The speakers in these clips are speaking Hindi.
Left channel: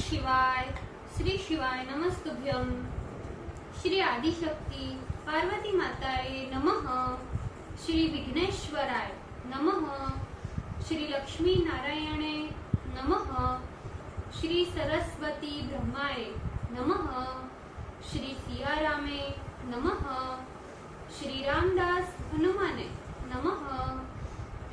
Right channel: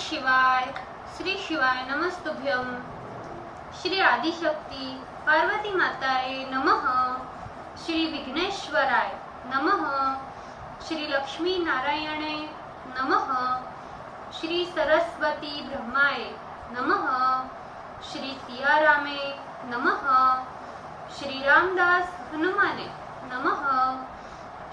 शिवाय। श्री शिवाय नमस्तुभ्यम। श्री आदिशक्ति पार्वती माताए नमः। श्री विघ्नेश्वराय नमः। श्री लक्ष्मी नारायणे नमः। श्री सरस्वती ब्रह्माय नमः। श्री सियारामे नमः। श्री रामदास हनुमाने नमः।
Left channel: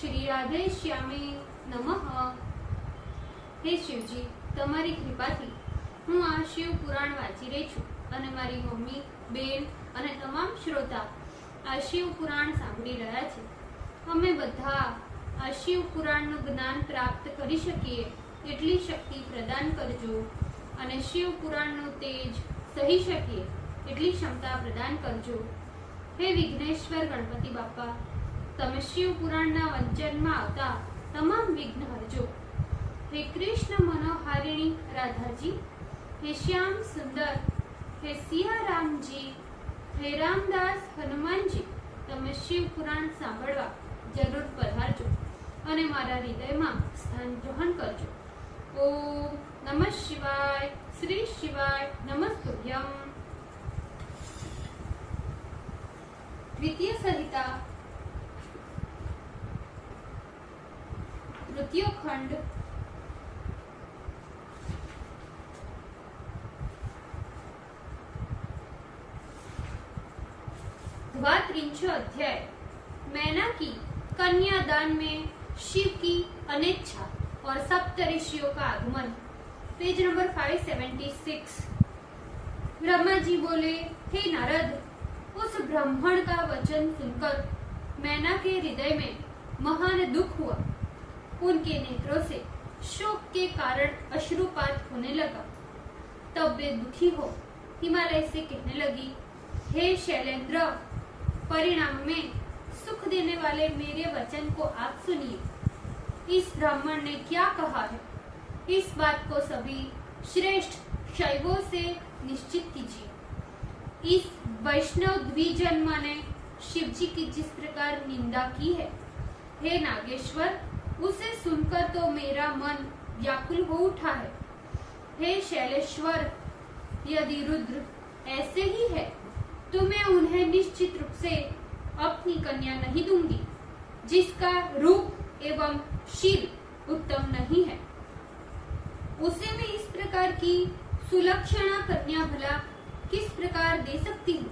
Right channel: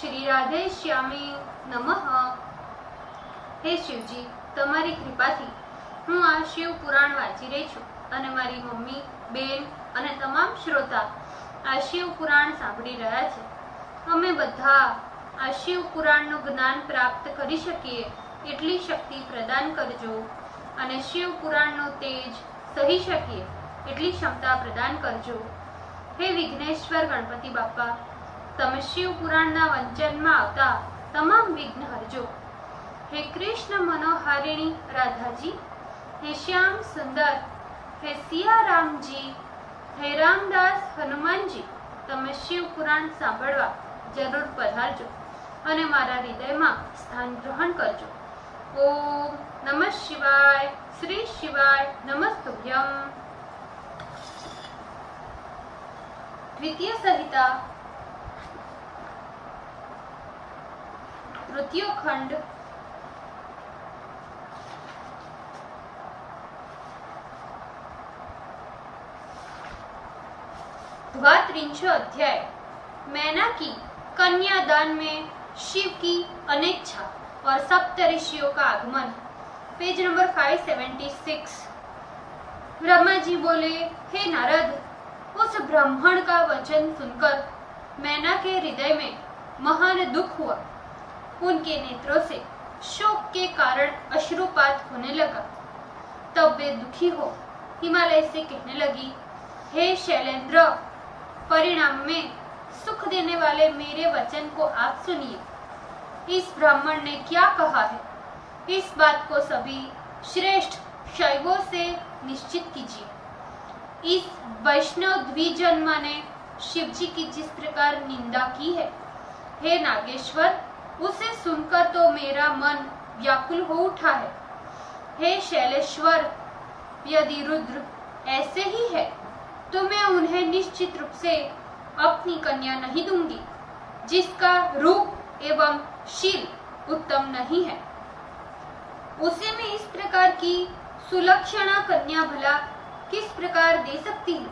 श्री राधे श्यामे नमः। हे शिवजी, તમારી કૃપાથી હું આ શિવ પુરાણ વાંચી રહી છું અને મારી મમ્મી, બેન અને તમામ શ્રોતા આ શિવ પુરાણ સાંભળી રહ્યા છે। અમે બધા આ શિવ પુરાણનું જ્ઞાન પ્રાપ્ત કરી શકીએ એટલી શક્તિ પ્રદાન કરજો અને શિવ પુરાણનું તેજ સહી શકીએ એટલી ક્ષમતા પ્રદાન કરજો। હે વિઘ્નેશ્વર ગણપતિ બાપા, તમે શિવ પુરાણના વંચનમાં આવતા તમામ વિઘ્ન હરજો। हे कृष्ण मनोहारिणी राधा जी, हे श्याम सुंदर, हे सिया राम जी, हे रामदास हनुमान जी, તમે શિવ પુરાણ સાંભળવા જરૂર પધારજો અને મારા હૃદયમાં સ્થાન ગ્રહણ કરજો। ઓમ નમઃ શિવાય। શ્રી શિવાય નમસ્તુભ્યમ। દ્વિતીય સંહિતા તૃતીય ખંડ द्वात्रिंश अध्याय। मैना की कन्यादान में शिव की अनिच्छा और सप्त ऋषियों का आगमन। Page number 576। ब्रह्मा जी बोले, हे नारद, उस ब्राह्मण का वचन सुनकर मैना के हृदय में महान दुख हुआ। उनके नेत्रों से शोक के कारण अश्रुपात होने लगा। तब वे दुखी हो हिमालय से कहने लगी, हे शैलेंद्र, परिणाम में सुख देने वाले मेरे वचन को आप सुनिए। इस ब्राह्मण ने क्या कहा है, इस बात को सभी श्रेष्ठ शैवों से निश्चित कीजिए। इस वैष्णव द्विजन्मा ने शिव जी की जिस प्रकार निंदा की है, हे नागेश्वर, उसे सुनकर तो मेरा मन व्याकुल हो उठा है। हे शैलेश्वर, यदि रुद्र ऐसे ही है तो मैं उन्हें निश्चित रूप से अपनी कन्या नहीं दूंगी, जिसका रूप एवं शील उत्तम नहीं है। उसे मैं इस प्रकार की सुलक्षणा कन्या भला किस प्रकार दे सकती हूँ?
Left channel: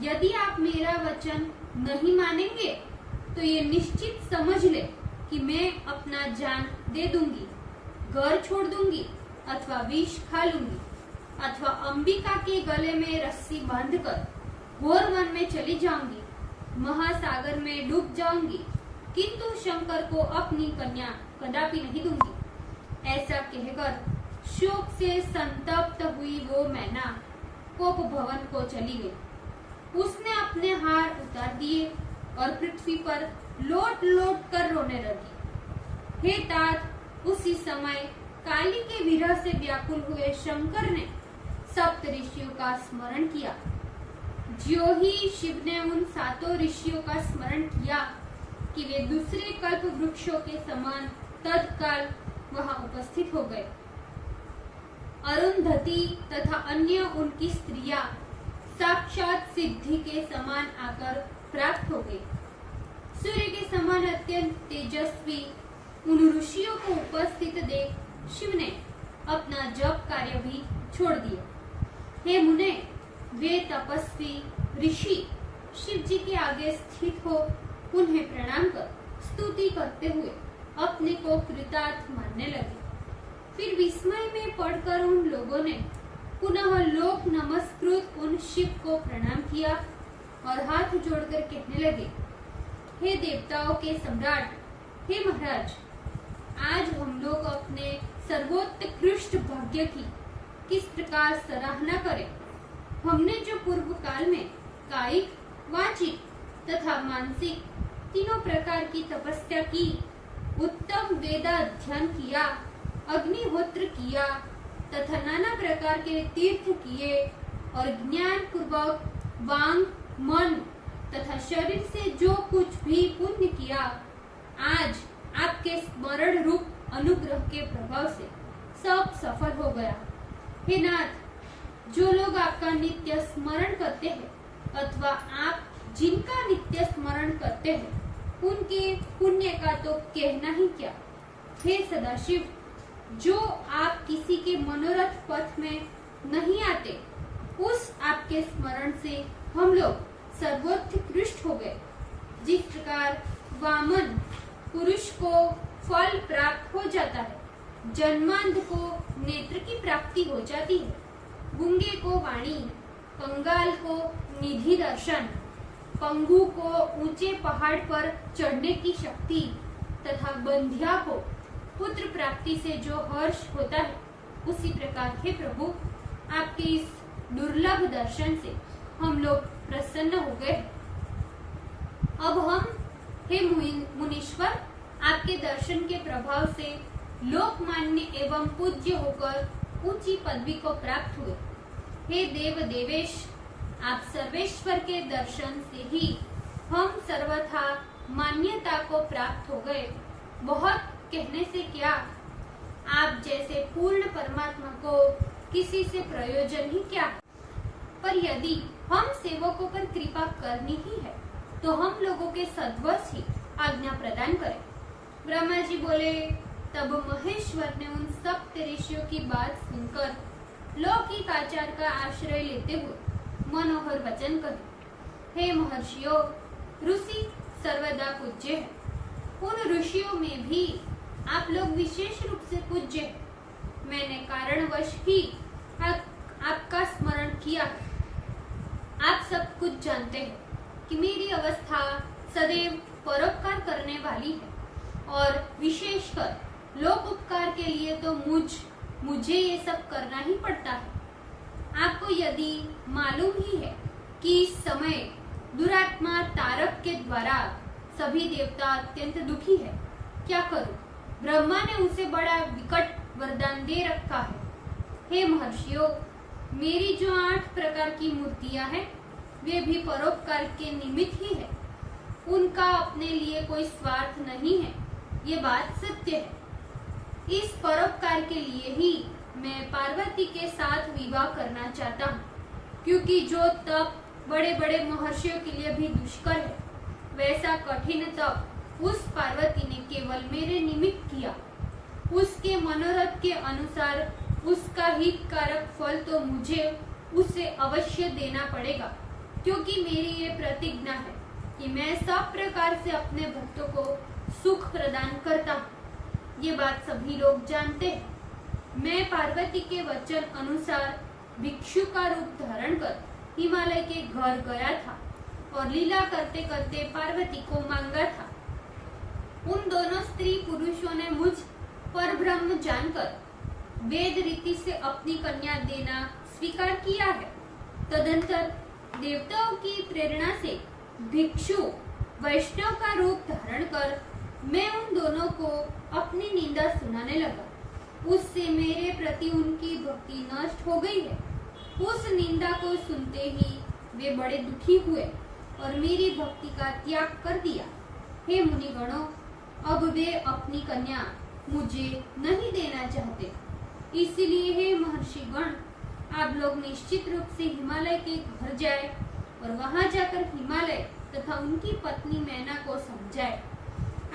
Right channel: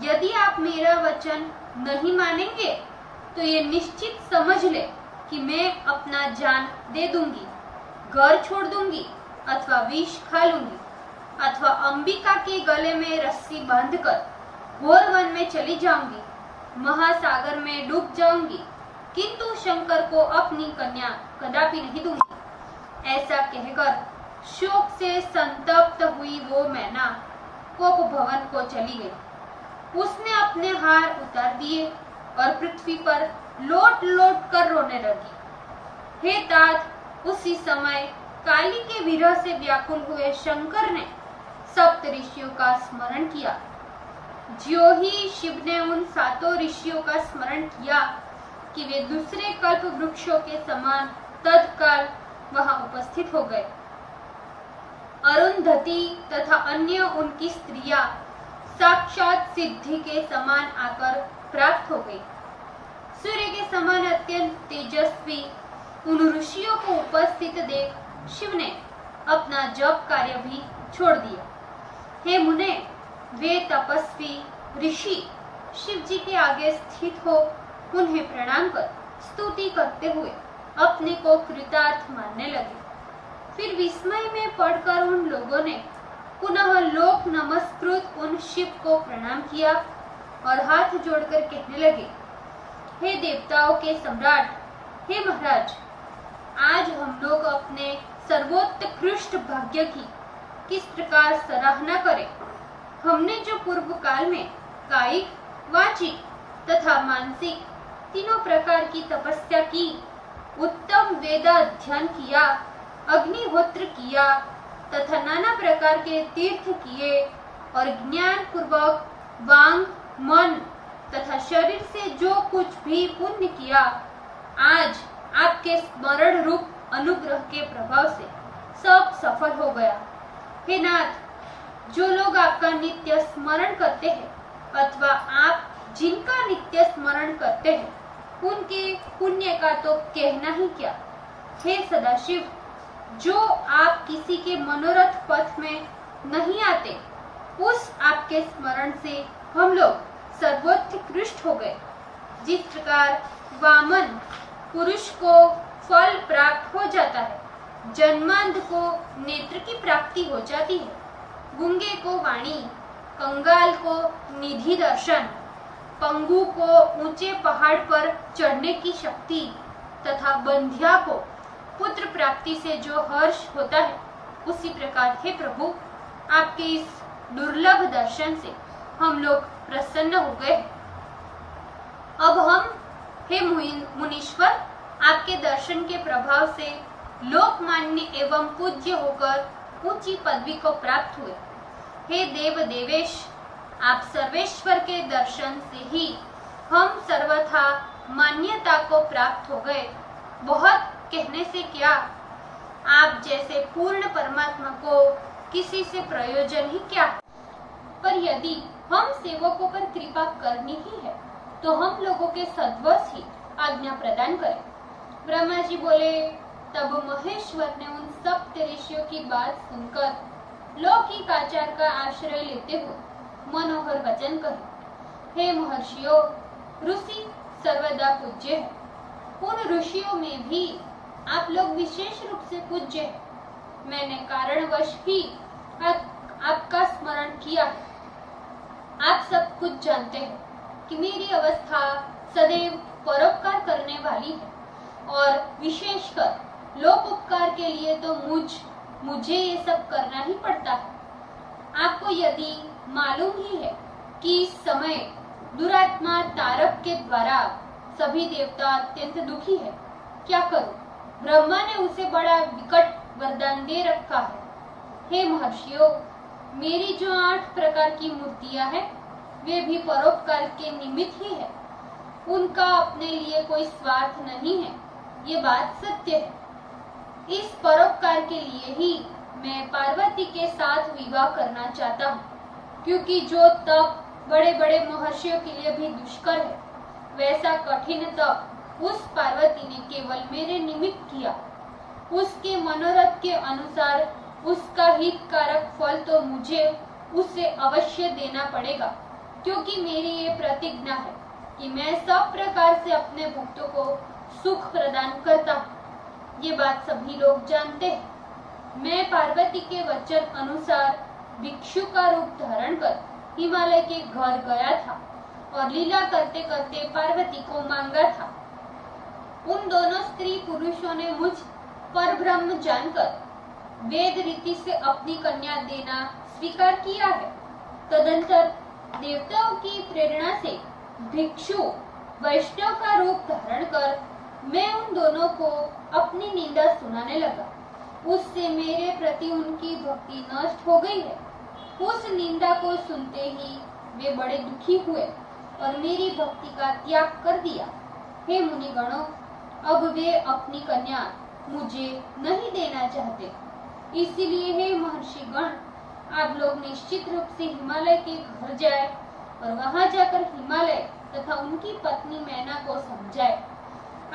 यदि आप मेरा वचन नहीं मानेंगे तो ये निश्चित समझ ले कि मैं अपना जान दे दूंगी, घर छोड़ दूंगी अथवा विष खा लूंगी अथवा अंबिका के गले में रस्सी बांधकर घोर वन में चली जाऊंगी, महासागर में डूब जाऊंगी, किंतु शंकर को अपनी कन्या कदापि नहीं दूंगी। ऐसा कहकर शोक से संतप्त हुई वो मैना कोप भवन को चली गई। उसने अपने हार उतार दिए और पृथ्वी पर लोट लोट कर रोने लगी। हे तात, उसी समय काली के विरह से व्याकुल हुए शंकर ने सप्त ऋषियों का स्मरण किया। ज्यों ही शिव ने उन सातों ऋषियों का स्मरण किया कि वे दूसरे कल्प वृक्षों के समान तत्काल वहां उपस्थित हो गए। अरुंधति तथा अन्य उनकी स्त्रियां साक्षात सिद्धि के समान आकर प्राप्त हो गई। सूर्य के समान अत्यंत तेजस्वी उन ऋषियों को उपस्थित देख शिव ने अपना जप कार्य भी छोड़ दिया। हे मुने, वे तपस्वी ऋषि शिव जी के आगे स्थित हो उन्हें प्रणाम कर स्तुति करते हुए अपने को कृतार्थ मानने लगे। फिर विस्मय में पड़कर उन लोगों ने पुनः लोक नमस्कृत उन शिव को प्रणाम किया और हाथ जोड़कर कहने लगे, हे देवताओं के सम्राट, हे महाराज, आज हम लोग अपने सर्वोत्कृष्ट भाग्य की किस प्रकार सराहना करें। हमने जो पूर्व काल में कायिक, वाचिक तथा मानसिक तीनों प्रकार की तपस्या की, उत्तम वेदाध्ययन किया, अग्निहोत्र किया तथा नाना प्रकार के तीर्थ किए और ज्ञान पूर्वक वांग, मन तथा शरीर से जो कुछ भी पुण्य किया, आज आपके स्मरण रूप अनुग्रह के प्रभाव से सब सफल हो गया। हे नाथ, जो लोग आपका नित्य स्मरण करते हैं अथवा आप जिनका नित्य स्मरण करते हैं, उनके पुण्य का तो कहना ही क्या। हे सदाशिव, जो आप किसी के मनोरथ पथ में नहीं आते, उस आपके स्मरण से हम लोग सर्वोत्कृष्ट हो गए। जिस प्रकार वामन पुरुष को फल प्राप्त हो जाता है, जन्मांध को नेत्र की प्राप्ति हो जाती है, गूंगे को वाणी, कंगाल को निधि दर्शन, पंगु को ऊंचे पहाड़ पर चढ़ने की शक्ति तथा बंध्या को पुत्र प्राप्ति से जो हर्ष होता है, उसी प्रकार हे प्रभु, आपके इस दुर्लभ दर्शन से हम लोग प्रसन्न हो गए। अब हम हे मुनीश्वर, आपके दर्शन के प्रभाव से लोकमान्य एवं पूज्य होकर ऊंची पदवी को प्राप्त हुए। हे देव देवेश, आप सर्वेश्वर के दर्शन से ही हम सर्वथा मान्यता को प्राप्त हो गए। बहुत कहने से क्या, आप जैसे पूर्ण परमात्मा को किसी से प्रयोजन ही क्या। पर यदि हम सेवकों पर कृपा करनी ही है, तो हम लोगों के सद्वश ही आज्ञा प्रदान करें। ब्रह्मा जी बोले। तब महेश्वर ने उन सप्त ऋषियों की बात सुनकर लौकिक आचार का आश्रय लेते हुए मनोहर वचन कहे। हे महर्षियों, ऋषि सर्वदा पूज्य है। उन ऋषियों में भी आप लोग विशेष रूप से पूज्य है। मैंने कारणवश ही आपका स्मरण किया है। आप सब कुछ जानते हैं कि मेरी अवस्था सदैव परोपकार करने वाली है, और विशेषकर लोक उपकार के लिए तो मुझे ये सब करना ही पड़ता है। आपको यदि मालूम ही है कि इस समय दुरात्मा तारक के द्वारा सभी देवता अत्यंत दुखी है, क्या करूं? ब्रह्मा ने उसे बड़ा विकट वरदान दे रखा है। हे महर्षियों, मेरी जो 8 प्रकार की मूर्तियां हैं, वे भी परोपकार के निमित्त ही है। उनका अपने लिए कोई स्वार्थ नहीं है, ये बात सत्य है। इस परोपकार के लिए ही मैं पार्वती के साथ विवाह करना चाहता हूँ, क्योंकि जो तप बड़े बड़े महर्षियों के लिए भी दुष्कर है, वैसा कठिन तप उस पार्वती ने केवल मेरे निमित्त किया। उसके मनोरथ के अनुसार उसका हितकारक फल तो मुझे उसे अवश्य देना पड़ेगा, क्योंकि मेरी ये प्रतिज्ञा है कि मैं सब प्रकार से अपने भक्तों को सुख प्रदान करता हूँ। ये बात सभी लोग जानते हैं। मैं पार्वती के वचन अनुसार भिक्षु का रूप धारण कर हिमालय के घर गया था और लीला करते करते पार्वती को मांगा था। उन दोनों स्त्री पुरुषों ने मुझ परब्रह्म जानकर वेद रीति से अपनी कन्या देना स्वीकार किया है। तदंतर देवताओं की प्रेरणा से भिक्षु वैष्णव का रूप धारण कर मैं उन दोनों को अपनी निंदा सुनाने लगा। उससे मेरे प्रति उनकी भक्ति नष्ट हो गई है। उस निंदा को सुनते ही वे बड़े दुखी हुए और मेरी भक्ति का त्याग कर दिया। हे मुनिगणों, अब वे अपनी कन्या मुझे नहीं देना चाहते। इसलिए हे महर्षिगण, आप लोग निश्चित रूप से हिमालय के घर जाए और वहां जाकर हिमालय तथा उनकी पत्नी मैना को समझाए।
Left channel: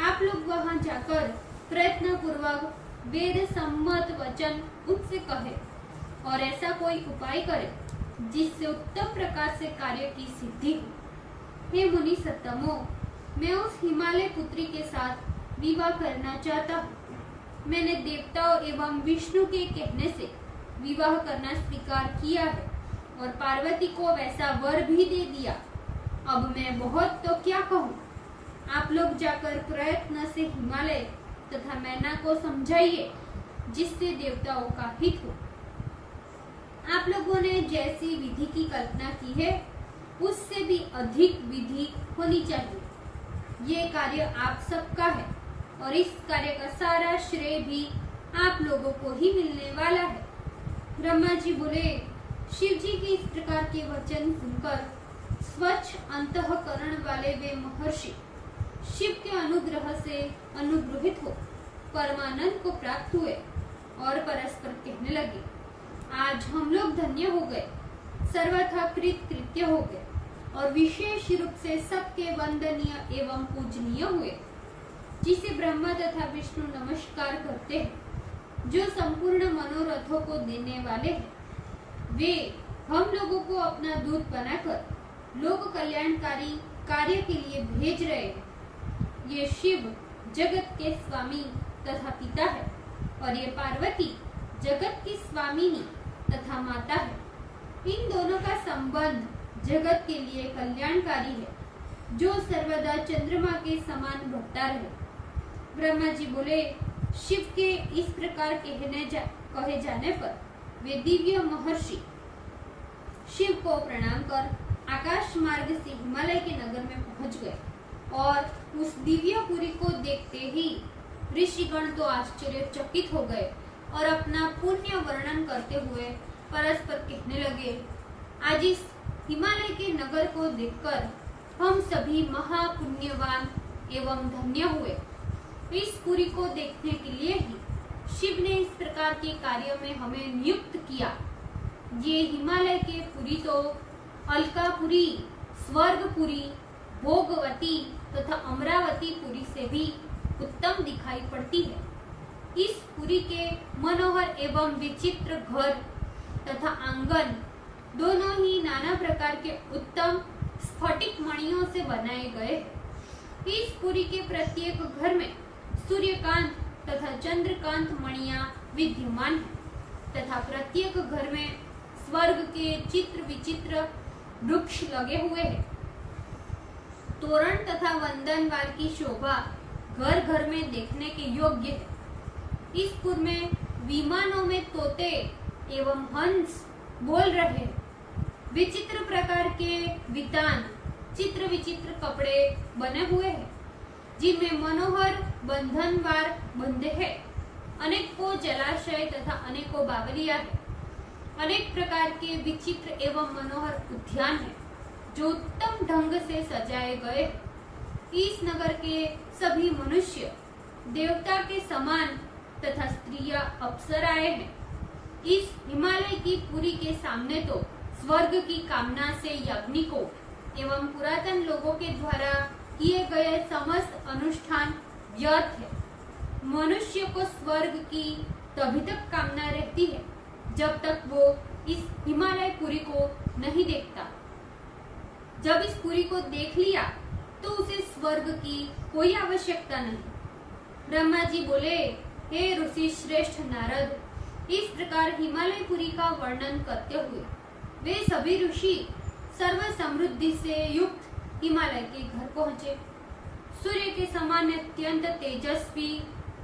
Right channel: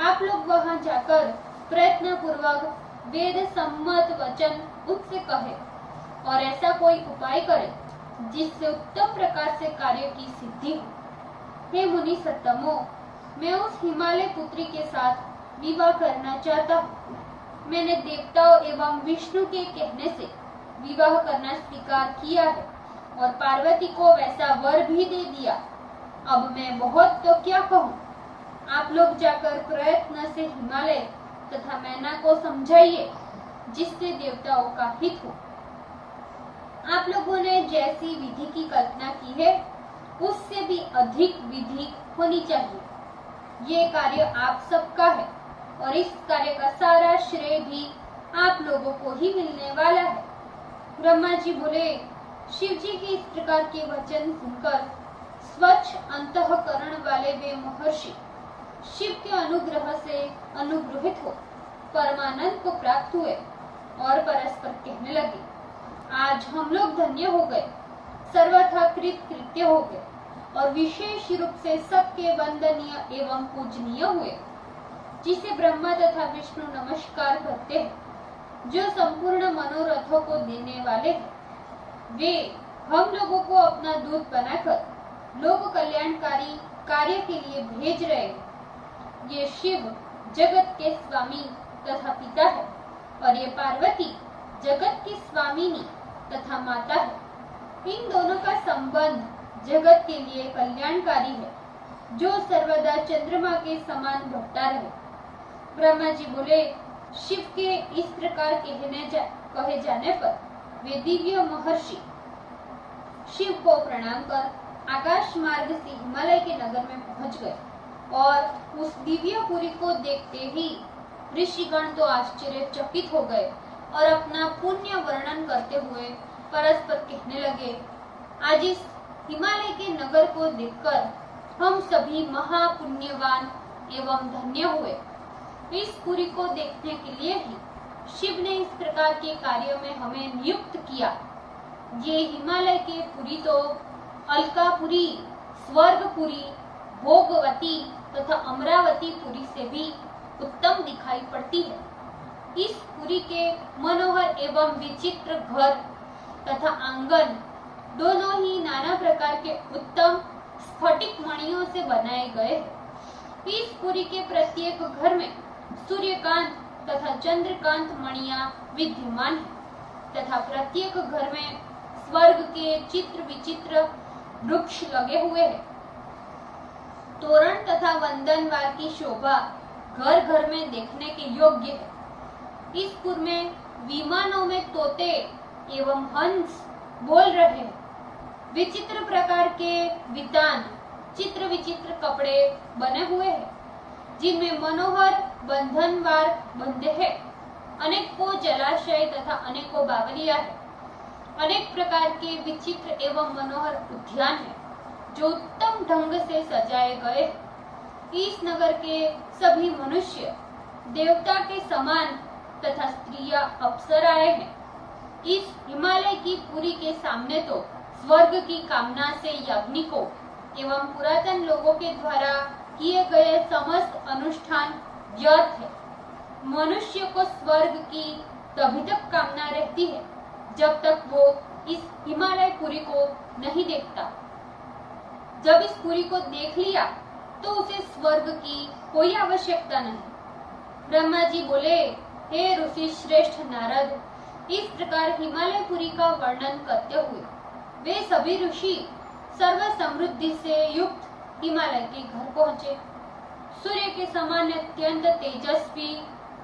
आप लोग वहां जाकर प्रयत्न पूर्वक वेद सम्मत वचन उनसे कहे और ऐसा कोई उपाय करे जिससे उत्तम प्रकार से कार्य की सिद्धि हो। हे मुनि सत्तमो, मैं उस हिमालय पुत्री के साथ विवाह करना चाहता हूँ। मैंने देवताओं एवं विष्णु के कहने से विवाह करना स्वीकार किया है और पार्वती को वैसा वर भी दे दिया। अब मैं बहुत तो क्या कहूँ। आप लोग जाकर प्रयत्न से हिमालय तथा मैना को समझाइए, जिससे देवताओं का हित हो। आप लोगों ने जैसी विधि की कल्पना की है, उससे भी अधिक विधि होनी चाहिए। ये कार्य आप सबका है और इस कार्य का सारा श्रेय भी आप लोगों को ही मिलने वाला है। ब्रह्मा जी बोले। शिव जी की इस प्रकार के वचन सुनकर स्वच्छ अंतःकरण वाले वे महर्षि शिव के अनुग्रह से अनुग्रहित हो परमानंद को प्राप्त हुए और परस्पर कहने लगे, आज हम लोग धन्य हो गए, सर्वथा कृत्य हो गए और विशेष रूप से सबके वंदनीय एवं पूजनीय हुए, जिसे ब्रह्मा तथा विष्णु नमस्कार करते हैं, जो संपूर्ण मनोरथों को देने वाले हैं। वे हम लोगों को अपना दूत बनाकर लोक कल्याणकारी कार्य के लिए भेज रहे हैं। ये शिव जगत के स्वामी तथा पिता है और ये पार्वती जगत की स्वामिनी तथा माता है। इन दोनों का संबंध जगत के लिए कल्याणकारी है, जो सर्वदा चंद्रमा के समान बढ़ता रहे। ब्रह्मा जी बोले, शिव के इस प्रकार कहे जाने पर वे दिव्य महर्षि शिव को प्रणाम कर आकाश मार्ग से हिमालय के नगर में पहुंच गए और उस दिव्यपुरी को देखते ही ऋषिगण तो आश्चर्यचकित हो गए और अपना पुण्य वर्णन करते हुए परस्पर कहने लगे, आज इस हिमालय के नगर को देखकर हम सभी महापुण्यवान एवं धन्य हुए। इस पुरी को देखने के लिए ही शिव ने इस प्रकार के कार्य में हमें नियुक्त किया। ये हिमालय के पुरी तो अलकापुरी, स्वर्गपुरी, भोगवती तथा अमरावती पुरी से भी उत्तम दिखाई पड़ती है। इस पुरी के मनोहर एवं विचित्र घर तथा आंगन दोनों ही नाना प्रकार के उत्तम स्फटिक मणियों से बनाए गए हैं। इस पुरी के प्रत्येक घर में सूर्यकांत तथा चंद्रकांत मणियां विद्यमान है तथा प्रत्येक घर में स्वर्ग के चित्र विचित्र वृक्ष लगे हुए हैं। तोरण तथा वंदनवार की शोभा घर घर में देखने के योग्य है। इस पुर में विमानों में तोते एवं हंस बोल रहे हैं। विचित्र प्रकार के वितान चित्र विचित्र कपड़े बने हुए हैं, जिनमें मनोहर बंधनवार बंधे हैं। अनेकों जलाशय तथा अनेकों बावलियां हैं। अनेक प्रकार के विचित्र एवं मनोहर उद्यान है, जो उत्तम ढंग से सजाए गए। इस नगर के सभी मनुष्य देवता के समान तथा स्त्रियां अप्सराएं हैं। इस हिमालय की पुरी के सामने तो स्वर्ग की कामना से याज्ञिकों एवं पुरातन लोगों के द्वारा किए गए समस्त अनुष्ठान व्यर्थ है। मनुष्य को स्वर्ग की तभी तक कामना रहती है जब तक वो इस हिमालय पुरी को नहीं देखता। जब इस पुरी को देख लिया तो उसे स्वर्ग की कोई आवश्यकता नहीं। ब्रह्मा जी बोले, हे ऋषि श्रेष्ठ नारद, इस प्रकार हिमालय पुरी का वर्णन करते हुए वे सभी ऋषि सर्व समृद्धि से युक्त हिमालय के घर पहुँचे। सूर्य के समान अत्यंत तेजस्वी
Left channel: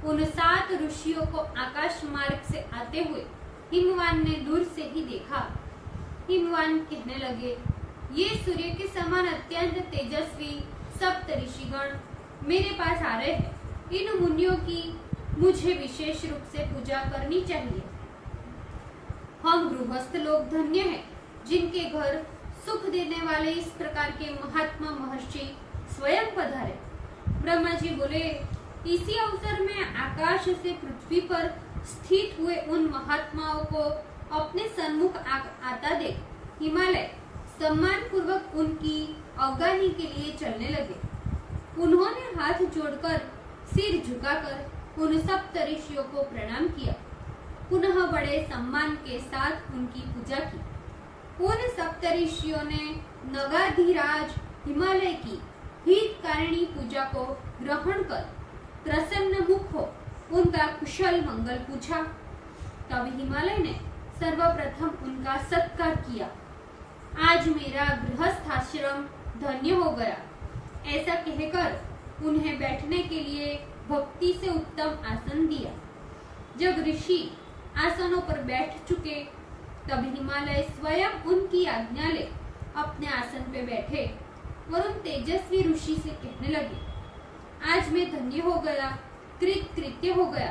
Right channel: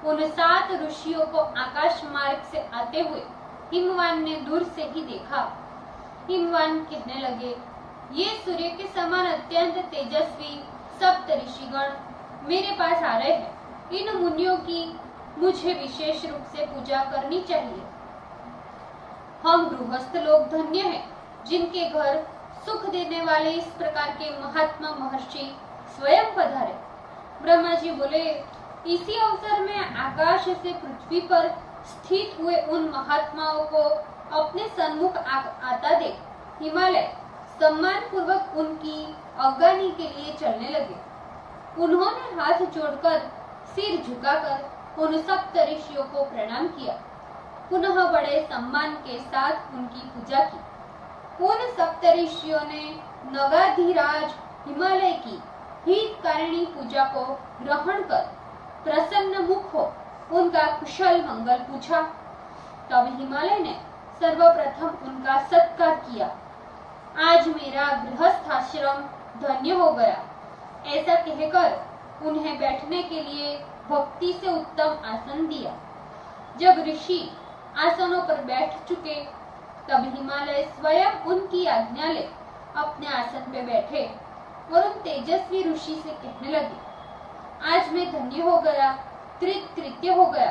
उन 7 ऋषियों को आकाश मार्ग से आते हुए हिमवान ने दूर से ही देखा। हिमवान कहने लगे, ये सूर्य के समान अत्यंत तेजस्वी सप्त ऋषिगण मेरे पास आ रहे हैं। इन मुनियों की मुझे विशेष रूप से पूजा करनी चाहिए। हम गृहस्थ लोग धन्य हैं, जिनके घर सुख देने वाले इस प्रकार के महात्मा महर्षि स्वयं पधारे। ब्रह्मा जी बोले, इसी अवसर में आकाश से पृथ्वी पर स्थित हुए उन महात्माओं को अपने सन्मुख आता देख हिमालय सम्मान पूर्वक उनकी अवगानी के लिए चलने लगे। उन्होंने हाथ जोड़कर सिर झुकाकर उन सप्त ऋषियों को प्रणाम किया। पुनः बड़े सम्मान के साथ उनकी पूजा की। उन सप्त ऋषियों ने नगाधिराज हिमालय की हितकारिणी पूजा को ग्रहण कर प्रसन्न मुख हो उनका कुशल मंगल पूछा। तब हिमालय ने सर्वप्रथम उनका सत्कार किया। आज मेरा गृहस्थाश्रम धन्य हो गया, ऐसा कहकर उन्हें बैठने के लिए भक्ति से उत्तम आसन दिया। जब ऋषि आसनों पर बैठ चुके तब हिमालय स्वयं उनकी आज्ञा ले अपने आसन पे बैठे और उन तेजस्वी ऋषि से कहने लगे, आज मैं धन्य हो गया, कृत्य हो गया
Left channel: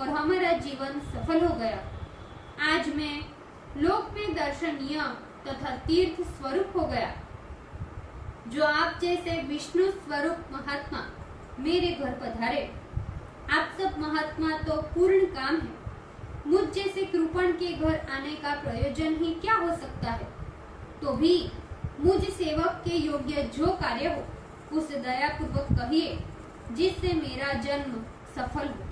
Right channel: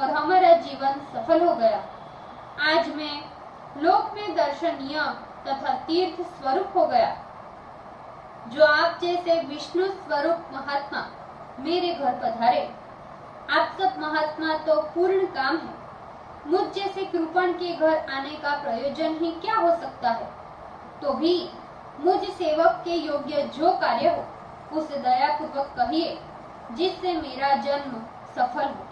और हमारा जीवन सफल हो गया। आज मैं लोक में दर्शनीय तथा तीर्थ स्वरूप हो गया। जो आप जैसे विष्णु स्वरूप महात्मा मेरे घर पधारे। आप सब महात्मा तो पूर्ण काम है। मुझ जैसे कृपण के घर आने का प्रयोजन ही क्या हो सकता है? तो भी मुझ सेवक के योग्य जो कार्य हो उसे दयापूर्वक कहिए, जिससे मेरा जन्म सफल हो।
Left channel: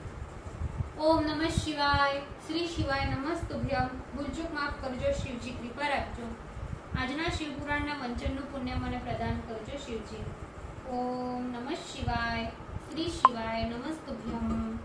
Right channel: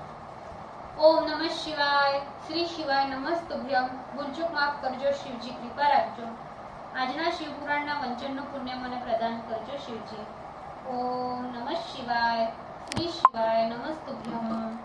ओम नमः शिवाय। श्री शिवाय नमस्तुभ्यम। ભૂલચૂક માફ કરજો શિવજી, કૃપા રાખજો। આજના શિવપુરાણના વંચનનું પુણ્ય મને પ્રદાન કરજો શિવજી। ઓમ નમઃ શિવાય। શ્રી શિવાય નમસ્તુભ્યમ।